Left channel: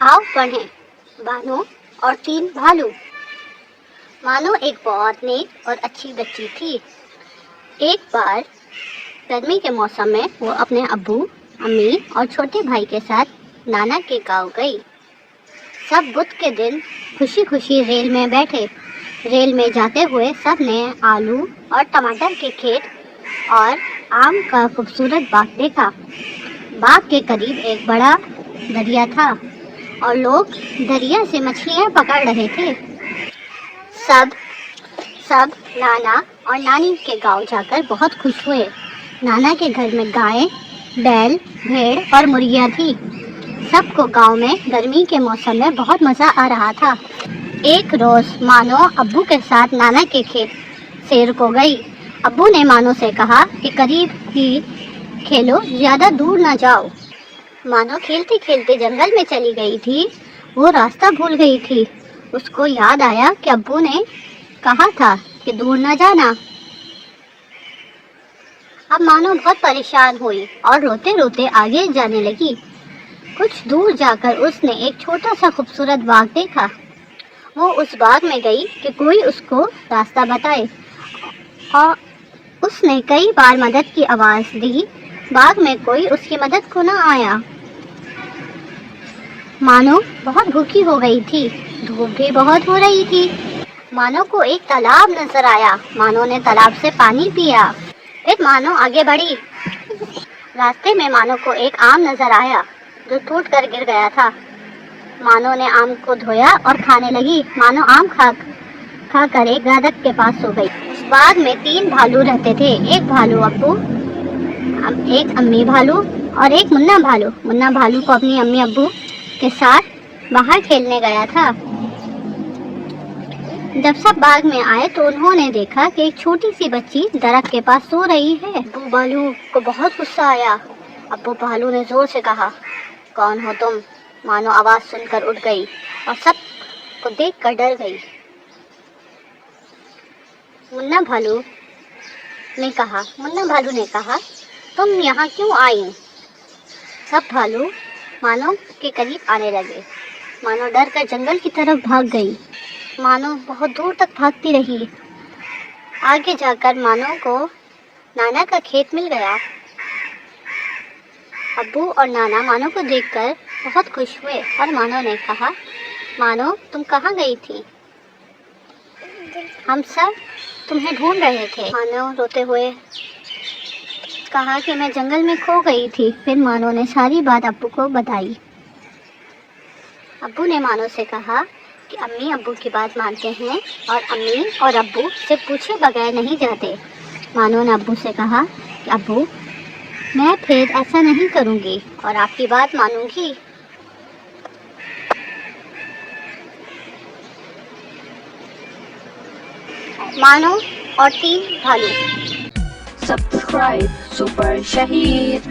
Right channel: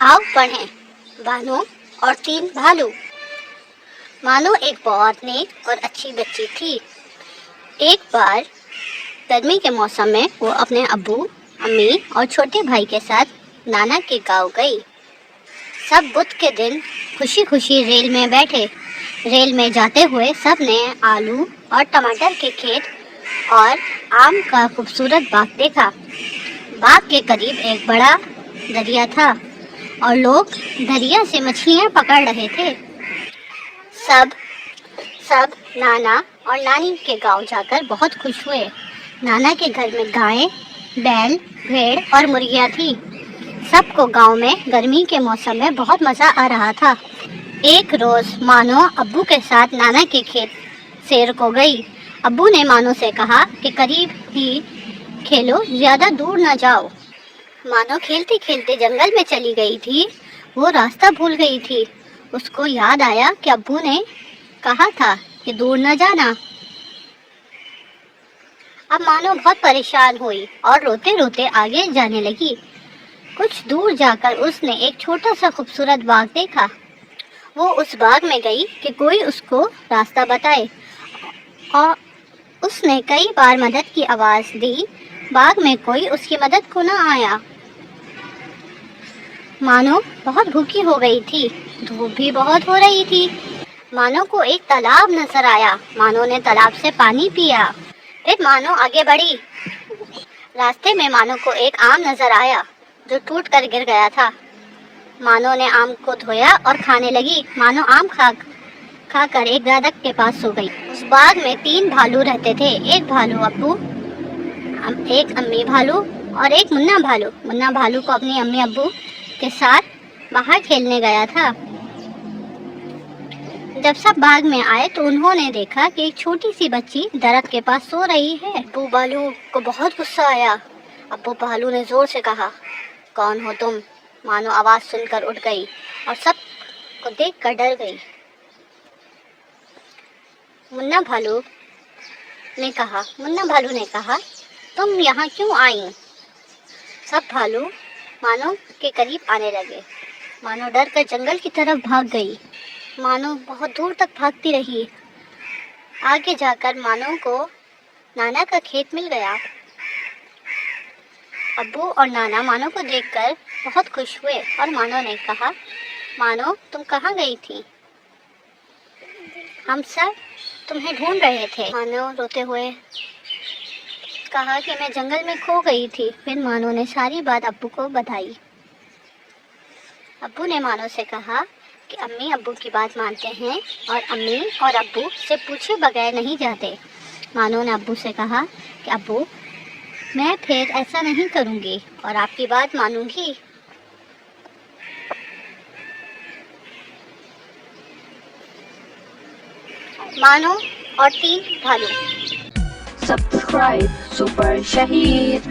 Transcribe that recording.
आओ पढ़ें बानो और तीन भालू। मानो एक बहुत नेक और अच्छी बच्ची थी। एक बार गर्मी के मौसम में वो अपने अब्बू, अम्मी और छोटे भाई के साथ नाना के गांव गई। सब बुध के दिन खुशी खुशी रेल में बैठे। रेल में जाते हुए सब ने आलू और टमाटर के खेत और आम का खूबसूरत बाग देखा। बाग के करीब एक बड़ा दरिया था और लोग दरिया से मछलियां पकड़ रहे थे। सब सब नाना और नानी के गांव जाकर बहुत खुश हुए। नाना के घर में गायें, बैल, भेड़ और मुर्गियां थी। सबको गांव में गर्मी के मौसम में बहुत मजा आ रहा था। एक रोज मानो अब्बू के साथ नाना के खेत सैर को गई। अब्बू ने मानो से कहा कि करीब ही खेलो, ज्यादा दूर न जाओ। मानो खेलते खेलते जंगल में चली गई थी। वो रास्ता भूल गई थी। उसको याद आया कि अब्बू ने कहा था कि दूर न जाना। अब मानो बहुत परेशान हुई और रोते रोते आगे जाने लगी। कुछ दूर जाकर उसने एक छोटा सा खूबसूरत बाग देखा। वो उस बाग में गई कि कोई उसको रास्ता बताए और उसने कई बार मदद की आवाज दी। बाग में कोई उसकी मदद को न आया। मानो बहुत भूखी हो गई थी। धूप भी बहुत हो रही थी। मानो को एक तालाब नजर आया। मानो ने तालाब से पानी पिया। फिर मानो आगे बढ़ी। रास्ते में मानो को एक आम नजर आया जो टूट कर गिर गया था। मानो ने आम को धोया और खाने लगी। मानो आम खा कर एक दादक के पास सो गई। उस बाग में तीन भालू रहते थे। एक भालू अब्बू, एक अम्मी भालू और एक मुन्ना भालू। मुन्ना भालू को अपनी अम्मी अब्बू के साथ बाहर खेलने गया था। जब सब बाग में आए तो उन्होंने देखा कि एक छोटी सी बच्ची दरख्त के पास सो रही है। अब्बू भालू को बहुत गुस्सा आया। अब्बू भालू ने जोर से कहा, कौन हो तुम? मानो आवाज सुनकर उठ गई और सब को देखकर डर गई। मुन्ना भालू ने कहा, तुम यहाँ क्यों आई? सब भालू मानो के करीब आने लगे। मानो डर कर जंगल की तरफ भाग गई। मानो बहुत दूर तक भागती रही। आगे जाकर मानो को नाना का खेत मिल गया। अब्बू और नाना मानो को देखकर बहुत खुश हुए और मानो ने कहा, मानो तुम कहाँ गई थी? हम सब तुम्हें ढूंढ रहे थे। मानो रोते हुए कहा कि मैं जंगल में खो गई थी। फिर मानो ने सारी बात अब्बू को बताई। अब्बू ने मानो से कहा कि अम्मी अब्बू की बात मानते हैं और अम्मी और अब्बू से पूछे बगैर नहीं जाते। मानो ने अब्बू से कहा कि अब्बू, मैं फिर ऐसा नहीं करूँगी और आपकी बात मानूंगी। मानो और तीन भालू। Subscribe Super Shahid.